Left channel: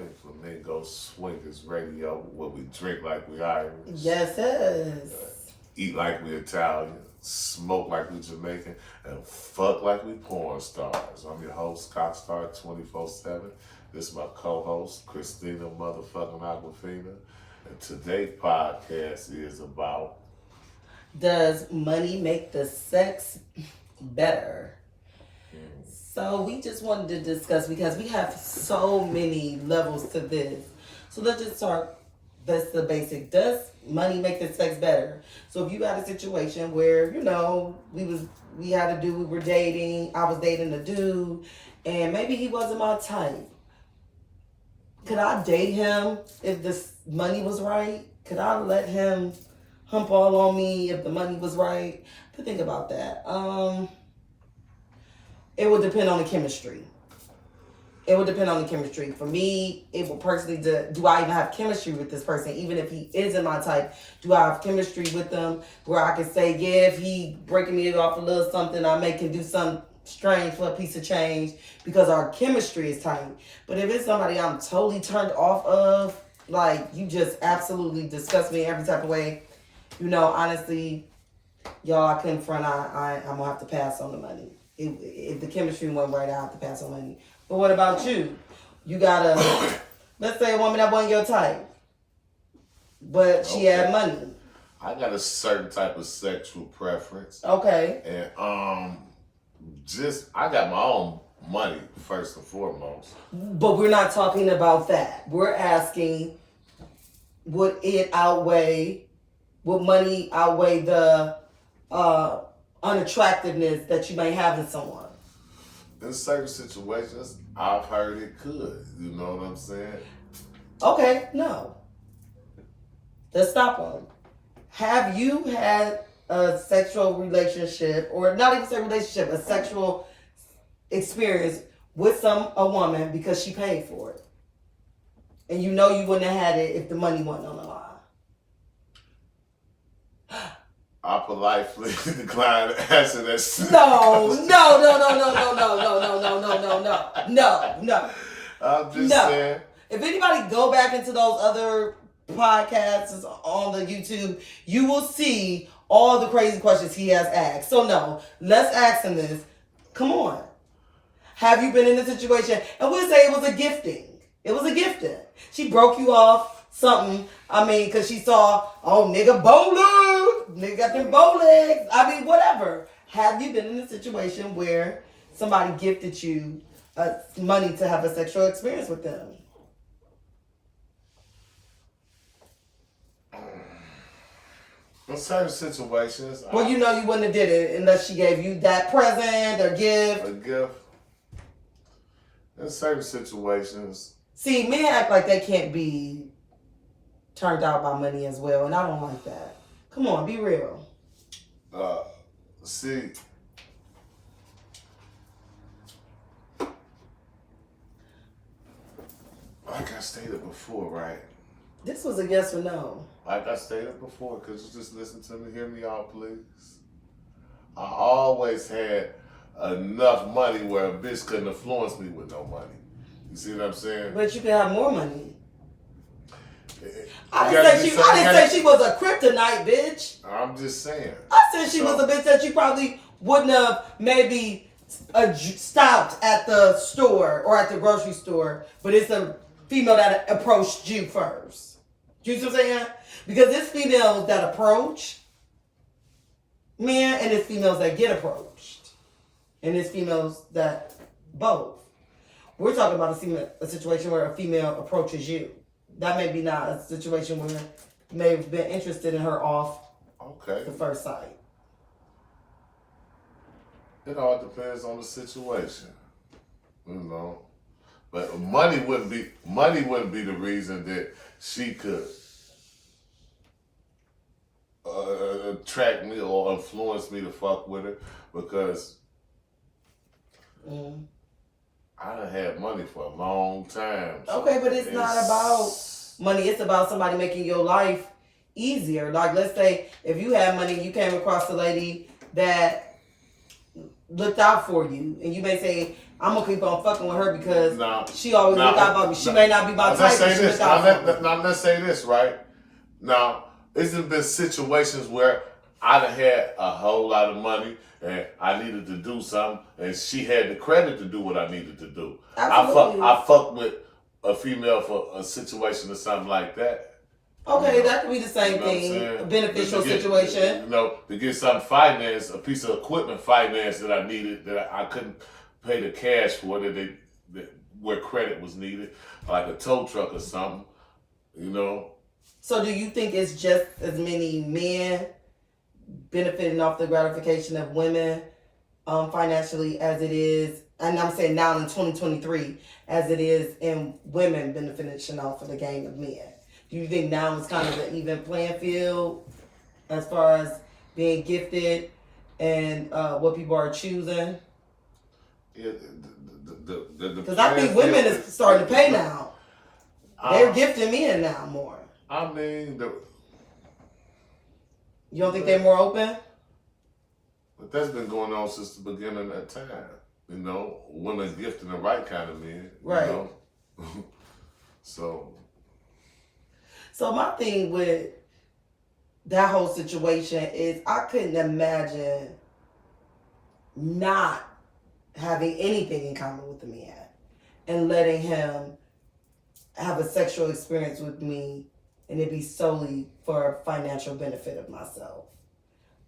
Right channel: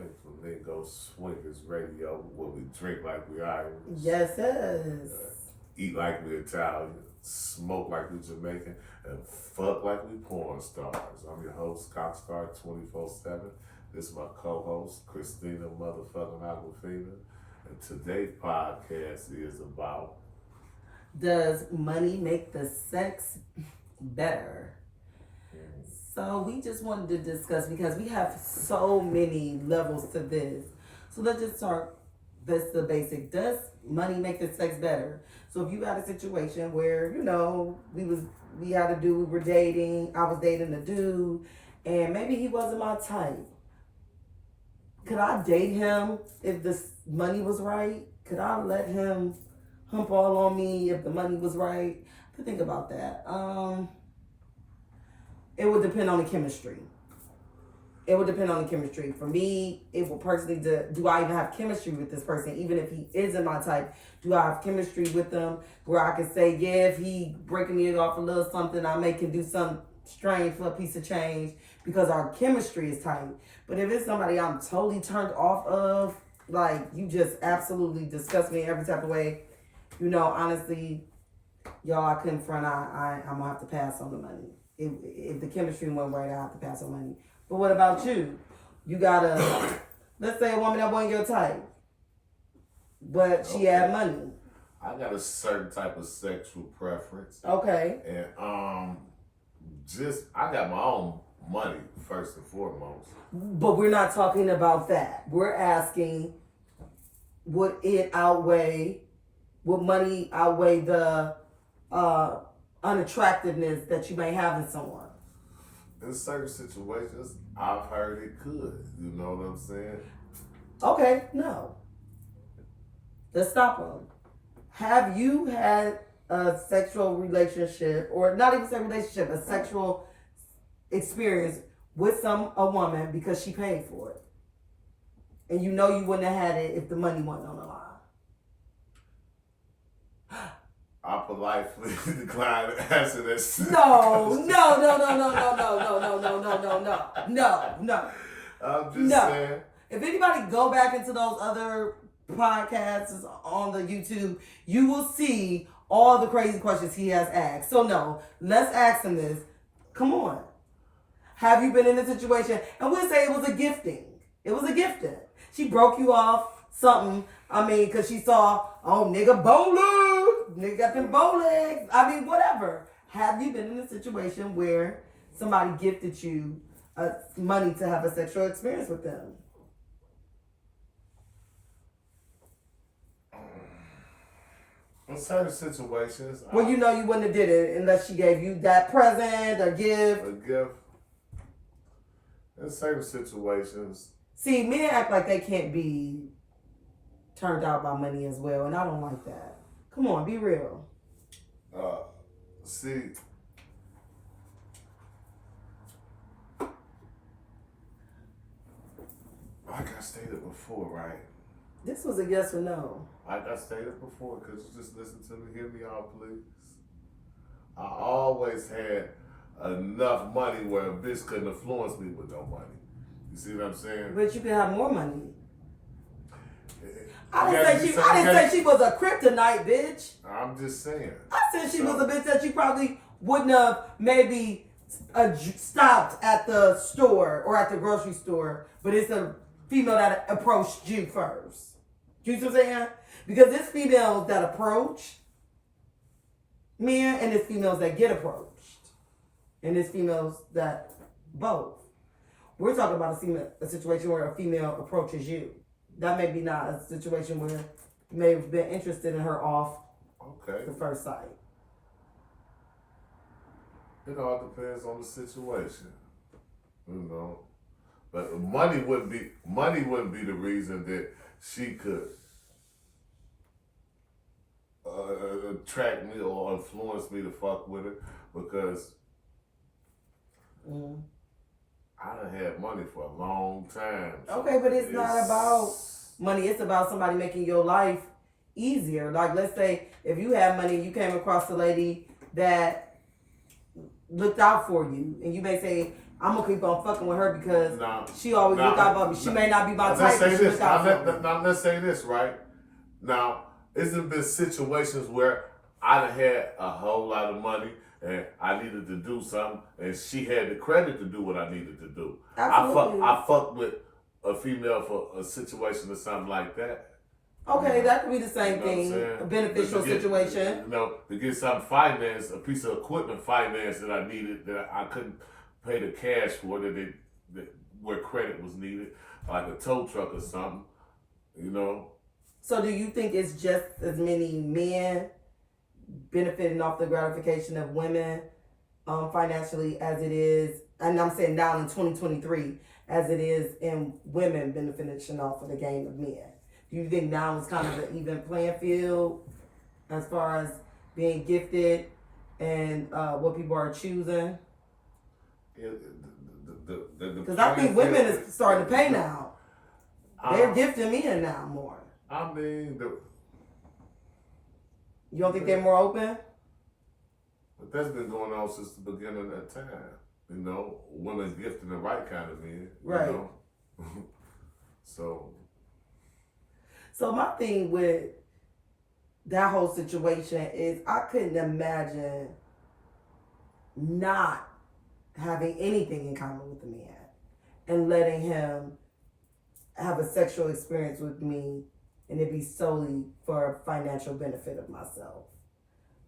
PinkFlamingo Swingers Radio, where we drink like we Irish. Yes, yes. Eat like we Italian, smoke like we Jamaican, and fuck like we porn stars. I'm your host, Cockstar 24/7. This is my co-host, Christina motherfucking Aquafina. And today's podcast is about... Does money make the sex better? So we just wanted to discuss, because we have so many levels to this. So let's just start, that's the basic. Does money make the sex better? So if you had a situation where, you know, we were dating, I was dating a dude, and maybe he wasn't my type. Could I date him if the money was right? Could I let him hump all on me if the money was right? But think about that. It would depend on the chemistry. For me, it would personally, do I even have chemistry with this person? Even if he isn't my type, do I have chemistry with them where I can say, yeah, if he breaking me off a little something, I can do something strange for a piece of change because our chemistry is tight. But if it's somebody I'm totally turned off of, like, you just absolutely disgust me in every type of way, you know, honestly, y'all, I couldn't front. I'm going to have to pass on the money. If the chemistry went right, I have to pass on money. But what about you? You got let's say a woman that wasn't your type, but she had money. I got a certain type of sexual preference. Okay. And I got my own money first and foremost. But we're not talking about that. We're asking, would money outweigh the unattractiveness that you may have in someone? In certain situations, I've heard it could. You know what I'm saying? Okay, no. Let's stop them. Have you had a sexual relationship, or not even a relationship, a sexual experience with a woman because she paid for it? And you know you wouldn't have had it if the money wasn't on the line. I politely decline to answer that. No. I'm just saying. If anybody go back into those other podcasts on the YouTube, you will see all the crazy questions he has asked. So no, let's ask him this. Come on. Have you been in a situation, and we'll say it was a gifting. She broke you off something, because she saw, nigga bowler. Nigga got them bow legs. Whatever. Have you been in a situation where somebody gifted you money to have a sexual experience with them? In certain situations. Well, you know you wouldn't have did it unless she gave you that present or gift. A gift. In certain situations. See, men act like they can't be turned out by money as well, and I don't like that. Come on, be real. See, like I stated before, right? This was a yes or no. Like I stated before, could you just listen to me? Hear me out, please. I always had enough money where a bitch couldn't influence me with no money. You see what I'm saying? But you could have more money. I didn't say she was a kryptonite bitch. I'm just saying. I said she was a bitch that you probably wouldn't have maybe stopped at the store or at the grocery store, but it's a female that approached you first. You see what I'm saying? Because it's females that approach men, and it's females that get approached, and it's females that both. We're talking about a situation where a female approaches you. That may be not a situation where you may have been interested in her off the first sight. It all depends on the situation, you know. But money wouldn't be the reason that she could attract me or influence me to fuck with her, because I done had money for a long time. So okay, but it's not about money. It's about somebody making your life easier. Like, let's say if you had money and you came across a lady that looked out for you, and you may say, I'm gonna keep on fucking with her because Now, she always look out for me. She may not be my type, but she look out for me. Now, let's say this, right? Now, it's been situations where I done had a whole lot of money and I needed to do something, and she had the credit to do what I needed to do. Absolutely. I fuck with a female for a situation or something like that. Okay, that could be the same thing. A beneficial situation. To get some finance, a piece of equipment finance that I needed that I couldn't pay the cash for, where credit was needed, like a tow truck or something, So do you think it's just as many men benefiting off the gratification of women financially as it is, and I'm saying now in 2023, as it is in women benefiting off of the game of men? Do you think now it's kind of an even playing field as far as being gifted and what people are choosing? Yeah, because I think women is starting to pay now. They're gifting men now more. I mean, you don't think they're more open? But that's been going on since the beginning of time. Women gifting the right kind of men. Right. So my thing with that whole situation is I couldn't imagine not having anything in common with the man and letting him have a sexual experience with me and it be solely for financial benefit of myself.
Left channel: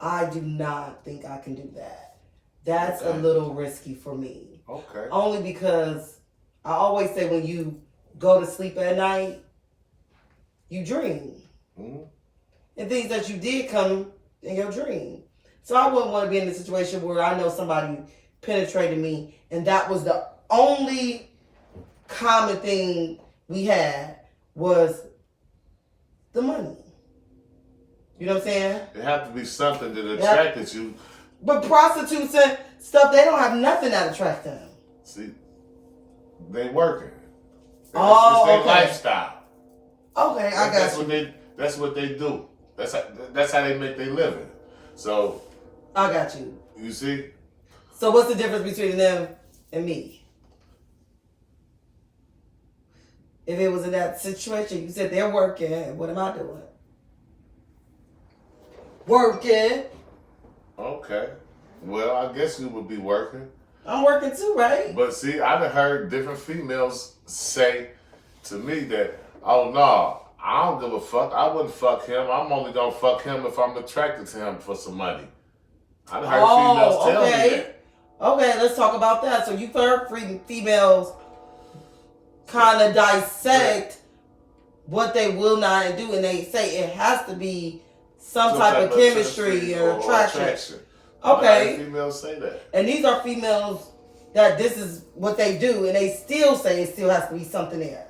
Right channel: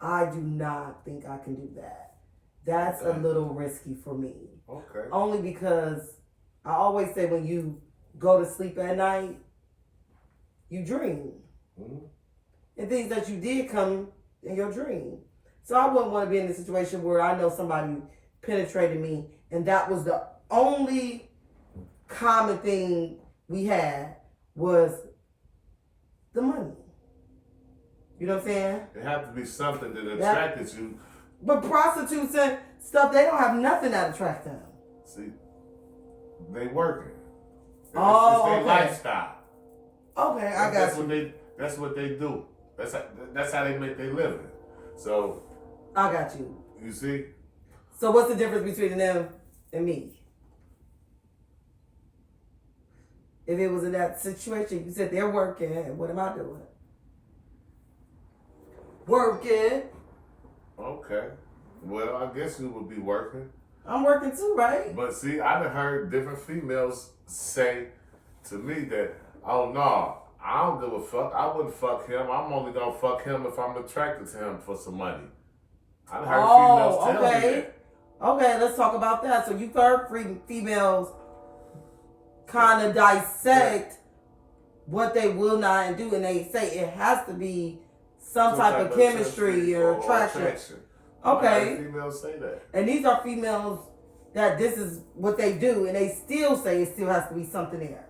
I do not think I can do that. That's a little risky for me. Okay. Only because I always say when you go to sleep at night, you dream. Mm-hmm. And things that you did come in your dream. So I wouldn't want to be in a situation where I know somebody penetrated me and that was the only common thing we had was the money. You know what I'm saying? It had to be something that attracted you. But prostitutes and stuff, they don't have nothing that attracts them. See, they working. It's their lifestyle. Okay, I got you. That's what they do. That's how they make their living. So I got you. You see? So what's the difference between them and me? If it was in that situation, you said they're working. What am I doing? Working. Okay. Well, I guess you would be working. I'm working too, right? But see, I've heard different females say to me that, oh no, I don't give a fuck. I wouldn't fuck him. I'm only gonna fuck him if I'm attracted to him for some money. I've heard females tell me that. Okay, let's talk about that. So you've heard females kind of dissect what they will not do, and they say it has to be some type of chemistry or attraction. Okay. Females say that. And these are females that this is what they do, and they still say it still has to be something there.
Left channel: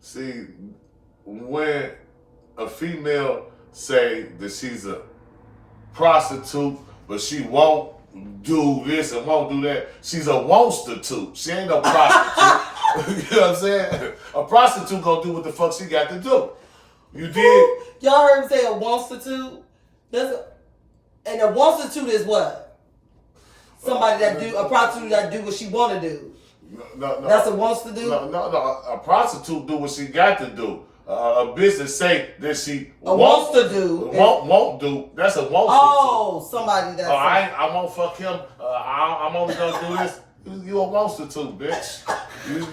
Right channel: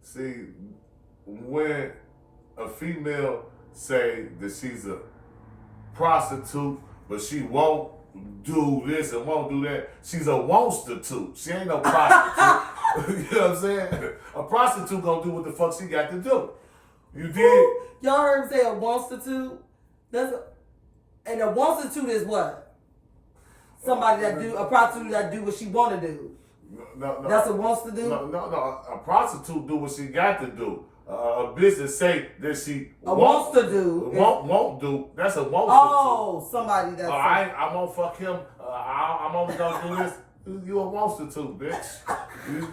See, when a female say that she's a prostitute, but she won't do this and won't do that, she's a wonstitute. She ain't no prostitute. You know what I'm saying? A prostitute gonna do what the fuck she got to do. You did? Y'all heard me say a wonstitute? And a wonstitute is what? Somebody that do, a prostitute that do what she want to do. No. That's a wants to do? No. A prostitute do what she got to do. A business say that she wants to do. Won't do. That's a wants to do. Somebody that's... I won't fuck him. I'm only going to do this. You a wonstitute, bitch.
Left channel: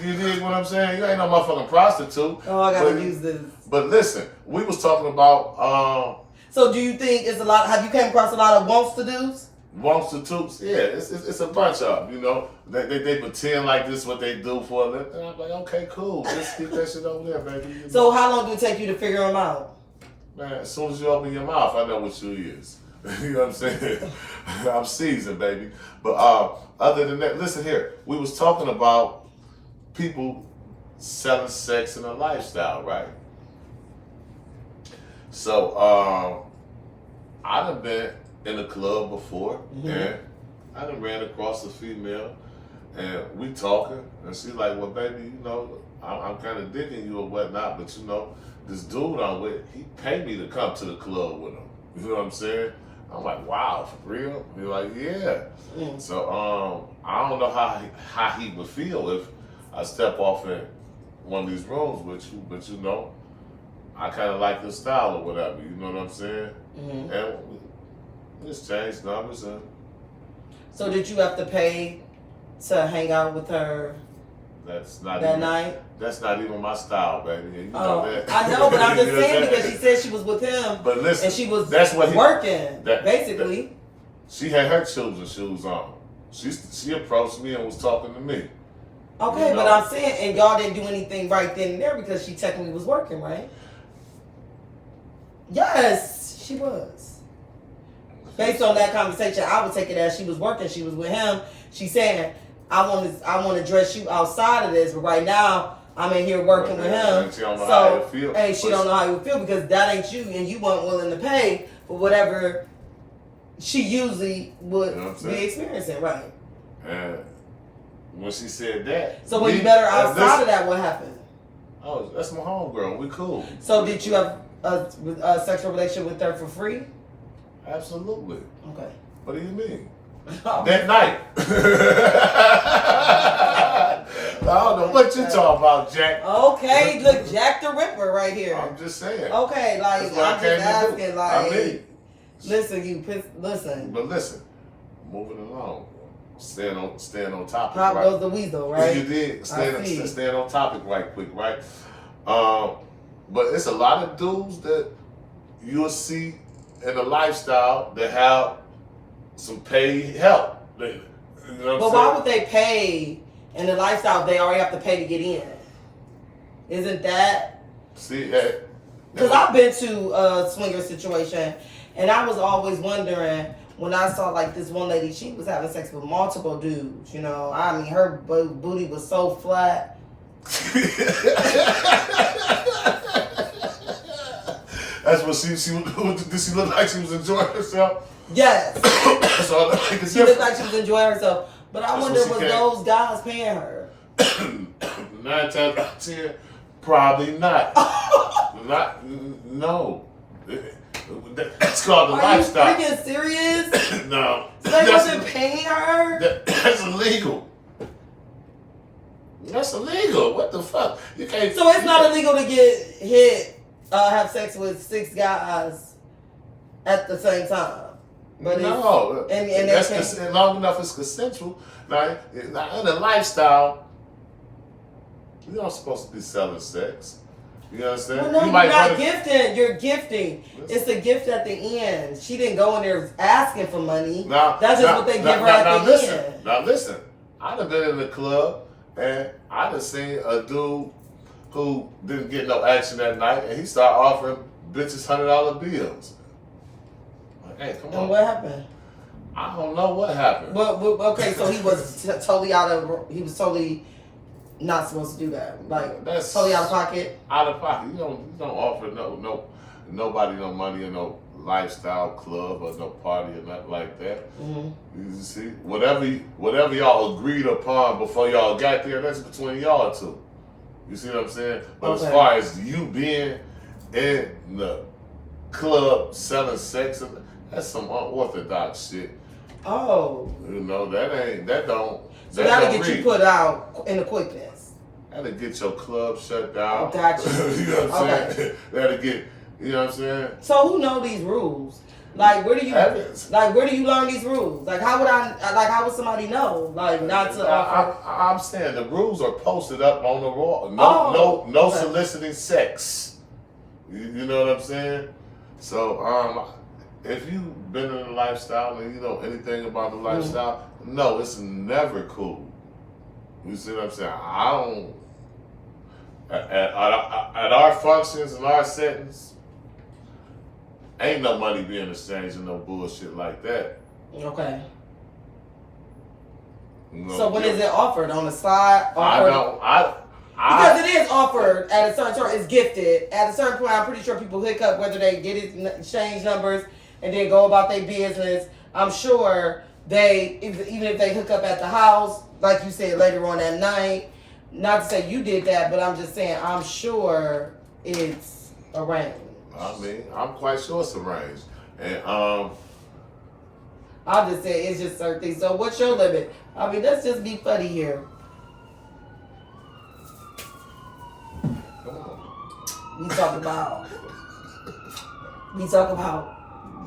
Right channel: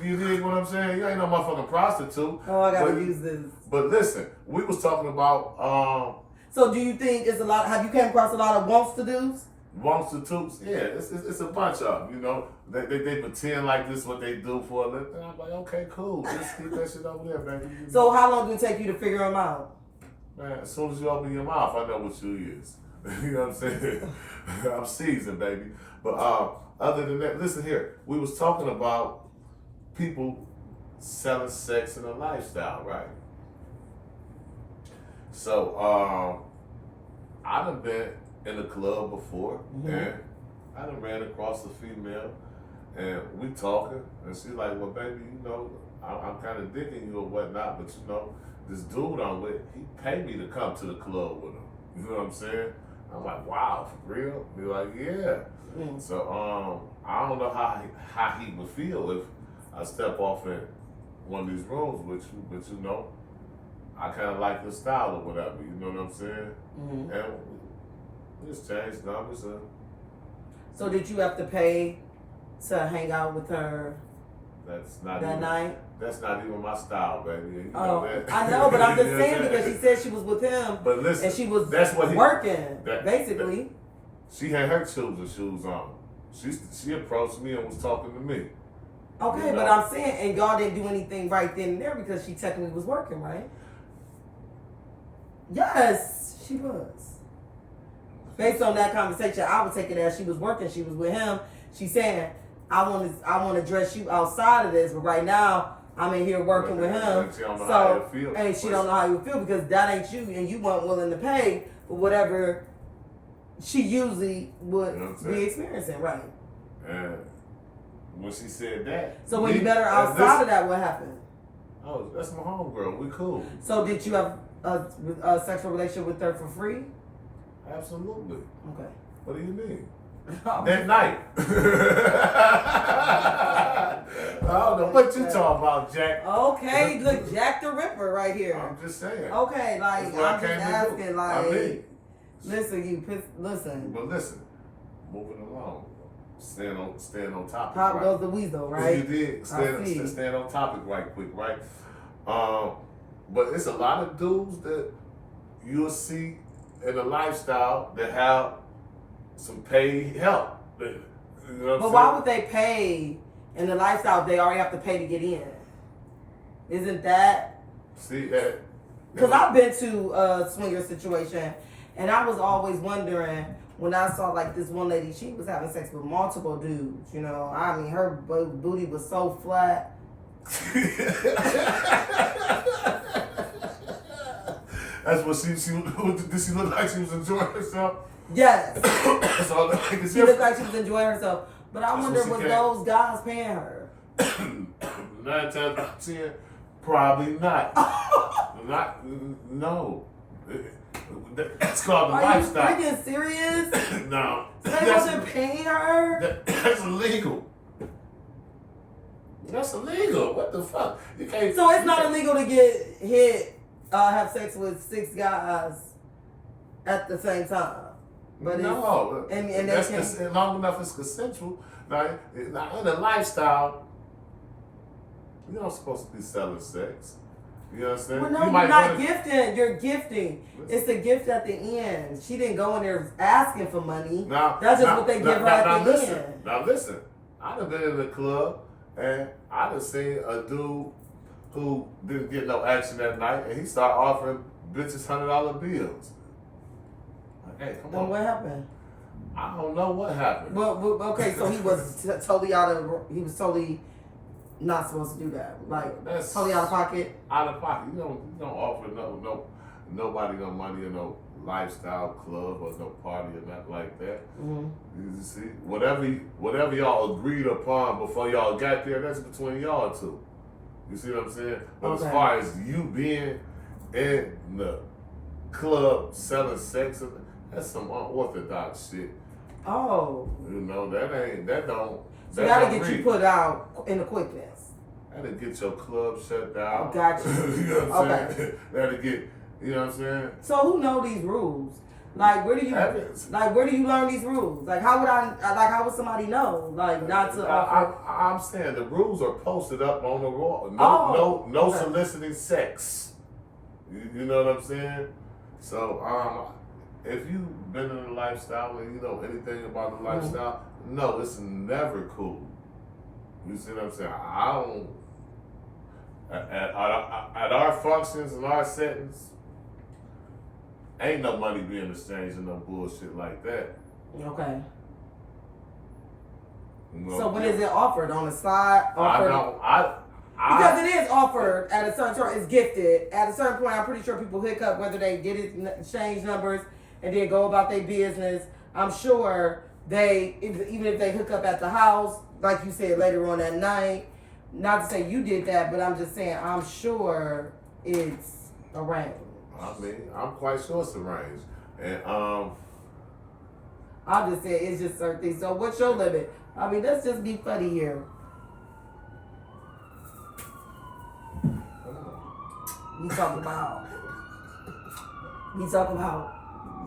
You dig what I'm saying? You ain't no motherfucking prostitute. Oh, I got to use this. But listen, we was talking about... So do you think it's a lot... Have you came across a lot of wants to do's? Wonstitutes, yeah, it's a bunch of them, you know. They pretend like this is what they do for a living. And I'm like, okay, cool. Let's keep that shit over there, baby. You know? So how long did it take you to figure them out? Man, as soon as you open your mouth, I know what you is. You know what I'm saying? I'm seasoned, baby. But other than that, listen here. We was talking about people selling sex in a lifestyle, right? So I done been in a club before, and I done ran across a female, and we talking, and she's like, well, baby, you know, I'm kind of digging you or whatnot, but you know, this dude I'm with, he paid me to come to the club with him. You know what I'm saying? I'm like, wow, for real? He's like, yeah. So I don't know how he would feel if I step off in one of these rooms with you, but you know, I kind of like his style or whatever. You know what I'm saying? And we just changed numbers. And so did you have to pay to hang out with her? That's not that even, night. That's not even my style, baby. And you Oh, know that. I know, but I'm just You know saying what because she said she was with him, But listen, and she was that's what working, basically. She had her children's shoes on. She approached me and was talking to me. Okay, You know? but I'm saying, and y'all didn't do anything right then and there because she technically was working, right? Yes, she was. Based on that conversation, I would take it as she was working. She was with him. She's saying, I want to dress you outside of this, but right now I'm in here working with him. And she don't know how you feel. And she don't know how you feel because that ain't you, and you weren't willing to pay for whatever she usually would be experiencing, right? And when she said that, so when you met her outside of that, what happened? Oh, that's my homegirl. We cool. So did you have a sexual relationship with her for free? Absolutely. Okay. What do you mean? That night. I don't know what you talking about, Jack. Okay, look, Jack the Ripper right here. I'm just saying. Okay, like I'm just asking, like, listen, listen. But listen, moving along, staying on topic. Pop right? goes the weasel, right? You did staying on topic right quick, right? But it's a lot of dudes that you'll see in the lifestyle that have some paid help. You know what but why would they pay in the lifestyle if they already have to pay to get in? Isn't that? See, because I've been to a swinger situation, and I was always wondering when I saw like this one lady, she was having sex with multiple dudes. You know, I mean, her booty was so flat. That's what she did. She look like she was enjoying herself? Yes. That's all I can She looked like she was enjoying herself. But I wonder, was can. those guys paying her? 9 times out of 10, probably not. No. That's called the lifestyle. Are you freaking serious? No. So they wasn't paying her? That's illegal. That's illegal. What the fuck? You can't. So it's not illegal to get hit, have sex with 6 guys at the same time. But no, and that's long enough it's consensual. Now, in a lifestyle, you're not supposed to be selling sex. You understand? Well, no, you're not gifting. You're gifting. It's a gift at the end. She didn't go in there asking for money. That's just what they give her at the end. Now listen, I'd have been in the club and I'd have seen a dude who didn't get no action that night, and he started offering bitches $100 bills. Hey, come on. And what happened? I don't know what happened. But okay, so he was totally he was totally not supposed to do that. Like, that's totally out of pocket. Out of pocket. You don't offer nobody no money or no lifestyle club or no party or nothing like that. Mm-hmm. You see, whatever y'all agreed upon before y'all got there, that's between y'all two. You see what I'm saying? But as far as you being in the club selling sex, that's some unorthodox shit. Oh. You know, that don't. So that'll get you put out in the quickness. That'll get your club shut down. Oh, gotcha. You know what I'm saying? That'll get, you know what I'm saying? So who know these rules? Like, where do you learn these rules? Like, how would somebody know? Like, not to offer. I'm saying the rules are posted up on the wall. No soliciting sex. You know what I'm saying? So, if you've been in a lifestyle and you know anything about the lifestyle, no, it's never cool. You see what I'm saying? I don't. At our functions and our settings, ain't no money being exchanged and no bullshit like that. Okay. No, so when is it offered? On the side? Because it is offered at a certain point, it's gifted. At a certain point, I'm pretty sure people hook up whether they get it, exchange numbers, and then go about their business. I'm sure even if they hook up at the house, like you said later on that night, not to say you did that, but I'm just saying I'm sure it's arranged. I mean, I'm quite sure it's arranged. And I'm just saying it's just certain things. So what's your limit? I mean, let's just be funny here. We talk about,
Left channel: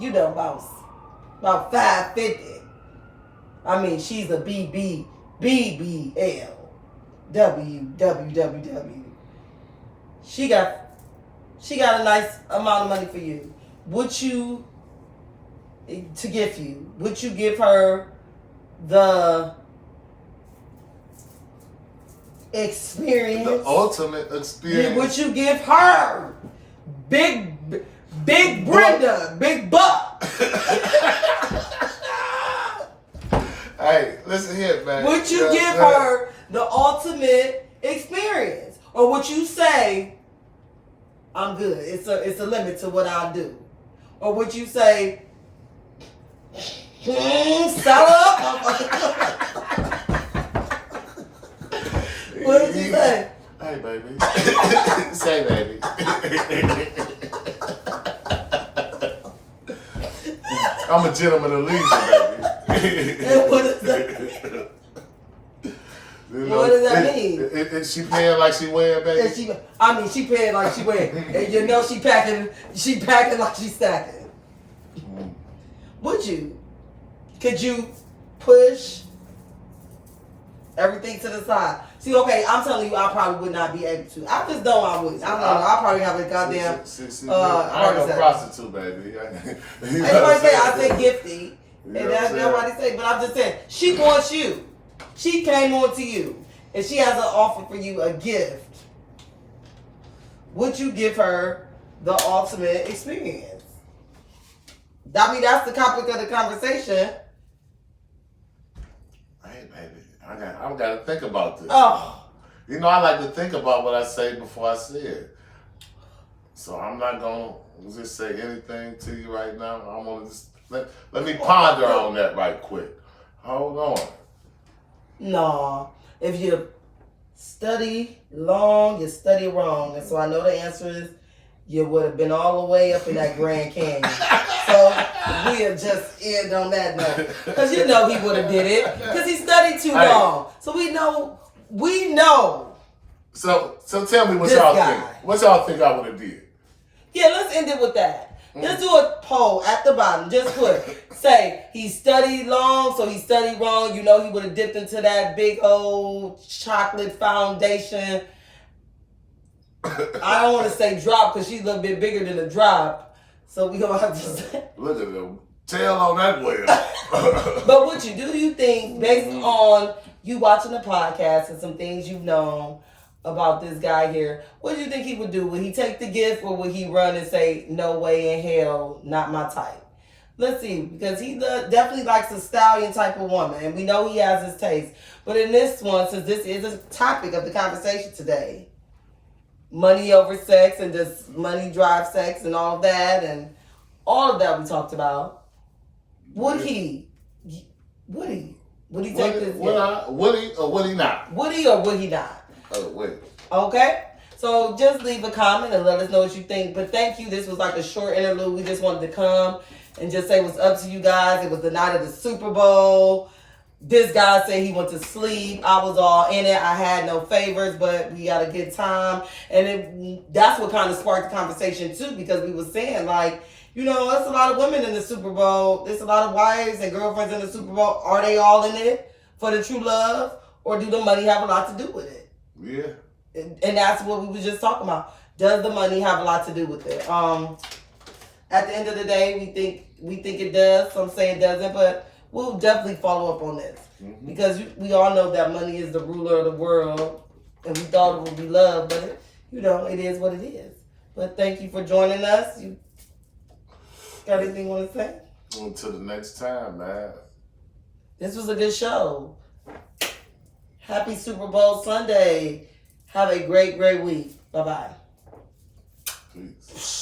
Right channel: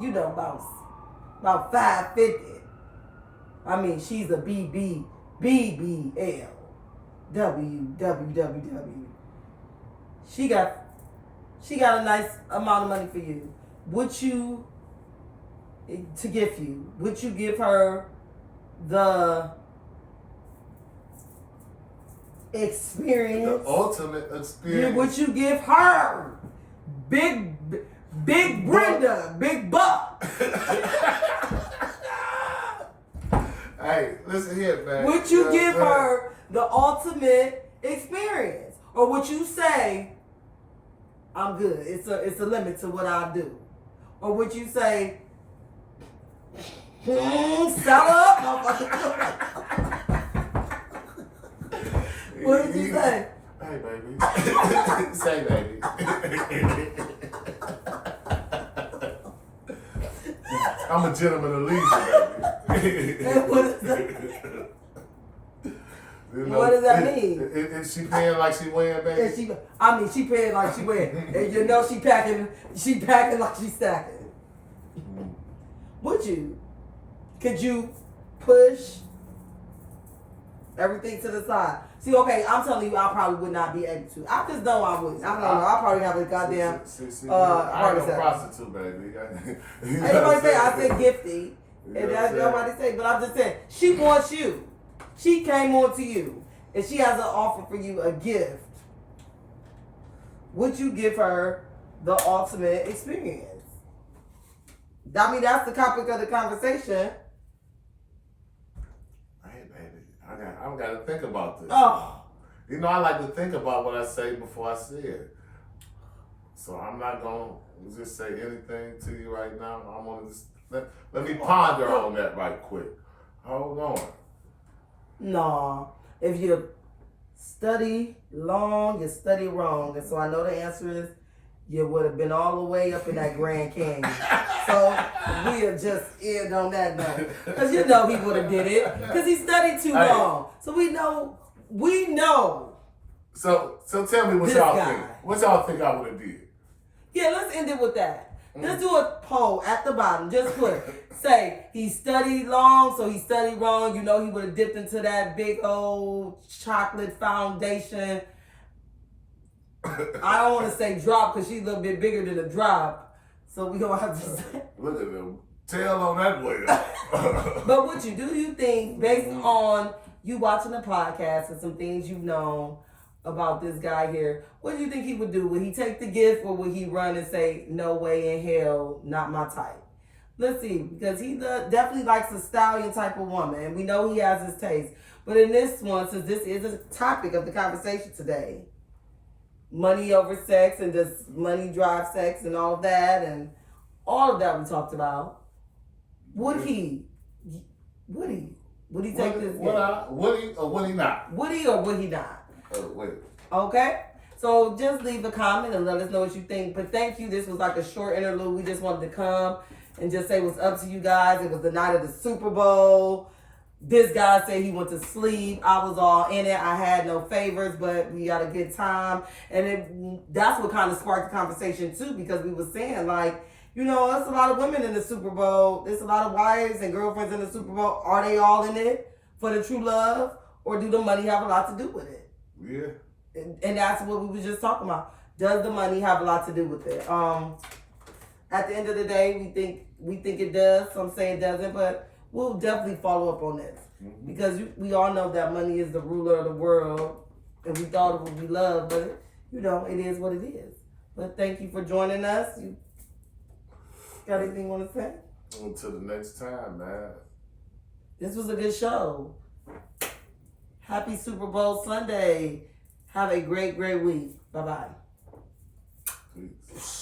you know, about 550. I mean, she's a BBL, WWWW. She got a nice amount of money for you. Would you give her the experience? The ultimate experience. Would you give her Big Brenda, Big Buck? Hey, listen here, man. Would you give her the ultimate experience? Or would you say, I'm good, it's a limit to what I'll do? Or would you say, shut up? What did you say? Hey, baby. Say, baby. I'm a gentleman of leisure, baby. What does that mean? Is she paying like she wearing, baby? She paying like she wearing. And you know she packing like she stacking. Would you? Could you push everything to the side? See, okay, I'm telling you, I probably would not be able to. I just know I wouldn't. I don't know. I probably have a goddamn. I ain't no prostitute, baby. Everybody say I say gifty, and that's nobody say. But I'm just saying, she wants you. She came on to you, and she has an offer for you, a gift. Would you give her the ultimate experience? I mean, that's the topic of the conversation. Hey, baby, I got to think about this. Oh. You know, I like to think about what I say before I say it. So I'm not going to just say anything to you right now. I'm going to just let me ponder on that right quick. Hold on. No. If you study long, you study wrong. And so I know the answer is you would have been all the way up in that Grand Canyon. So we'll just end on that note. Because you know he would have did it. Because he studied too long. So we know. So tell me what y'all think. What y'all think I would have did? Yeah, let's end it with that. Let's do a poll at the bottom. Just say he studied long, so he studied wrong. You know he would have dipped into that big old chocolate foundation. I don't want to say drop because she's a little bit bigger than a drop. So we don't have to say. Look at them. Tail on that whale. But what do you think, based on you watching the podcast and some things you've known about this guy here, what do you think he would do? Would he take the gift, or would he run and say, no way in hell, not my type? Let's see, because he definitely likes a stallion type of woman, and we know he has his taste. But in this one, since this is a topic of the conversation today, money over sex, and does money drive sex and all that, and all of that we talked about, would he take this? Would he or would he not? Would he or would he not? Oh, wait. Okay? So just leave a comment and let us know what you think. But thank you. This was like a short interlude. We just wanted to come and just say what's up to you guys. It was the night of the Super Bowl. This guy said he went to sleep. I was all in it. I had no favors, but we had a good time. And that's what kind of sparked the conversation too, because we were saying like, you know, there's a lot of women in the Super Bowl. There's a lot of wives and girlfriends in the Super Bowl. Are they all in it for the true love? Or do the money have a lot to do with it? Yeah. And that's what we were just talking about. Does the money have a lot to do with it? At the end of the day, we think it does. Some say it doesn't, but we'll definitely follow up on this. Mm-hmm. Because we all know that money is the ruler of the world. And we thought it would be love, but it is what it is. But thank you for joining us. You got anything you want to say? Until the next time, man. This was a good show. Happy Super Bowl Sunday. Have a great, great week. Bye-bye. Peace.